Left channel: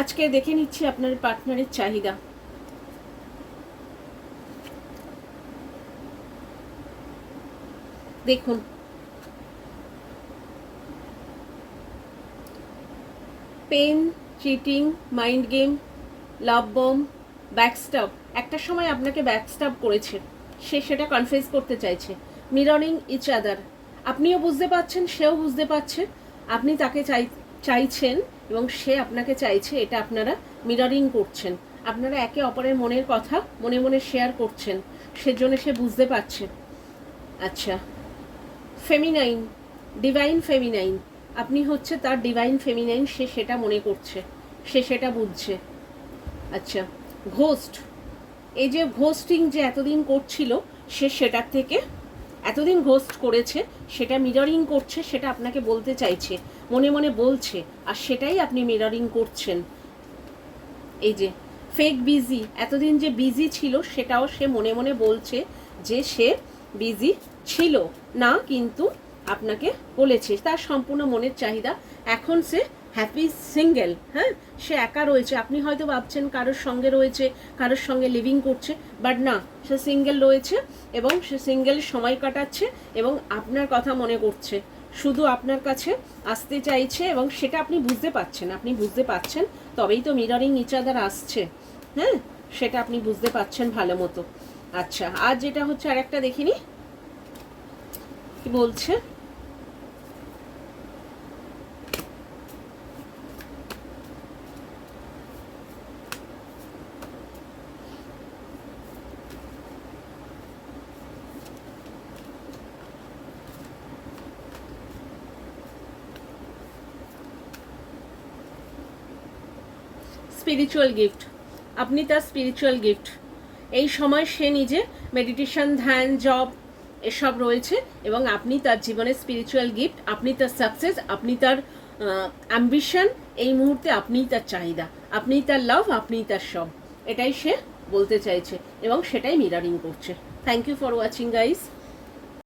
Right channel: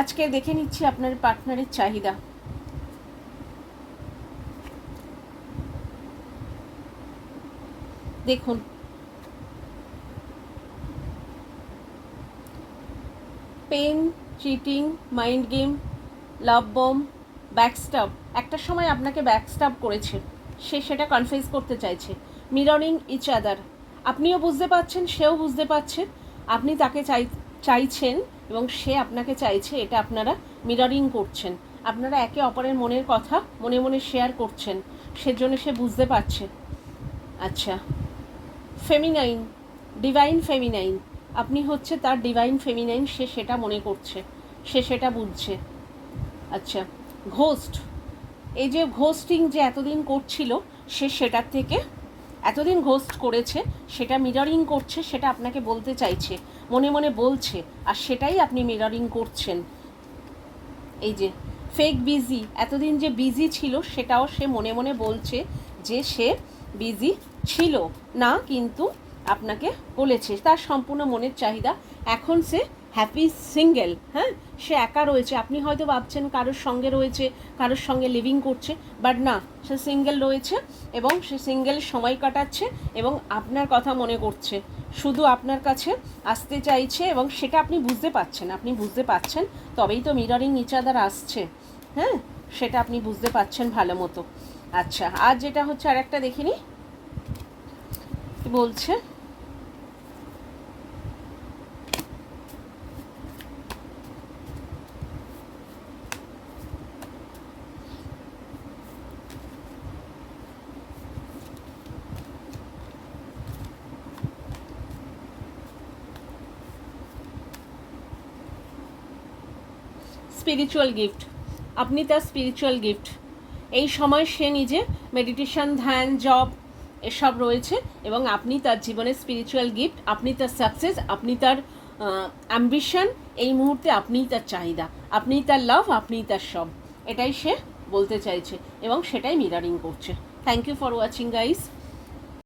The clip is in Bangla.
আজকে দেখে নিচ্ছি আপনার পার্টনারের চাহিদা। দেখুন, পেন, চিটিং, মাইন্ড গেম, লাভ বম, ব্যাকস্টাব। একটা সময় আপনাকে ব্যাকস্টাব করেছে, সে সেটা কনফেস করতে চাইছে। মিররিং ইচ আদার, আপনিও বুঝতে পারছেন, সেও বুঝতে পারছে। আপনি তাকে চাইছেন এবং সে আপনাকে চাইছে, এটা আপনারা মিররিং করছেন। আপনারা একে অপরের মনের কথা মনে মনে শেয়ার করছেন, সেজন্য সে বুঝতে পারছে। আচ্ছা, ফেমিনাইন, ডিভাইন ফেমিনাইন, আপনি হচ্ছে তার ডিভাইন ফেমিনাইন, সে সেটা মনে করছে, সে সেটা বুঝছে। আচ্ছা, ঘোস্ট, এই যে ঘোস্টিং যে এতদিন করছিল, সে সেটার থেকে এতদিন ঘোস্ট করেছে, সেটা মিররিং করছে, সেটা আপনাকে বলতে চাইছে, মনে মনে বলছে, আর সেটাই আপনি মিররিং করছেন। এই যে ফেক বিজি, এতদিন যে বিজি ছিল সেটাও সে মনে মনে বলছে যে সে বিজি ছিল না, কিন্তু আপনাকে বলেছে তার সম্পূর্ণ মনের চাহিদা। এখন সে হ্যাপি সিঙ্গেল, হ্যাঁ, সে একা রয়েছে। আপনি হয়তো ভাবছেন কারোর সঙ্গে রয়েছে, কারোর সঙ্গে লিভিং করছে, বাট না, সে সিঙ্গেল রয়েছে এবং সে সিঙ্গেল সময় কাটাচ্ছে এবং আপনার কথা মনে করছে, শুধু আপনার কাছে আসতে চাইছে এবং সেটা আপনি বুঝতে পারছেন। আপনি বুঝতে পারছেন, তবেই তো মিররিং ইচ আদার আসছে, হ্যাঁ, সেটা আপনি বুঝতে পারছেন ভালো মতো। আচ্ছা, আর যেটা হচ্ছে আরেকটা দেখিনি কি বলছে। স্পিরিচুয়াল গিফট, আপনি তার স্পিরিচুয়াল গিফট। এই সময় সে নিজে মেডিটেশন, ধ্যান, জব এসব রয়েছে এবং আপনি তার জীবনের স্পিরিচুয়াল গিফট। আপনি তার সাকসেস, আপনি তার অ্যাম্বিশন, এই মুহূর্তে আপনিই তার চাহিদা, আপনিই তার লাভ, আপনিই তার সব, এটাই সে বলতে চাইছে এবং সেটাই মিররিং করছে। Thank you for watching guys.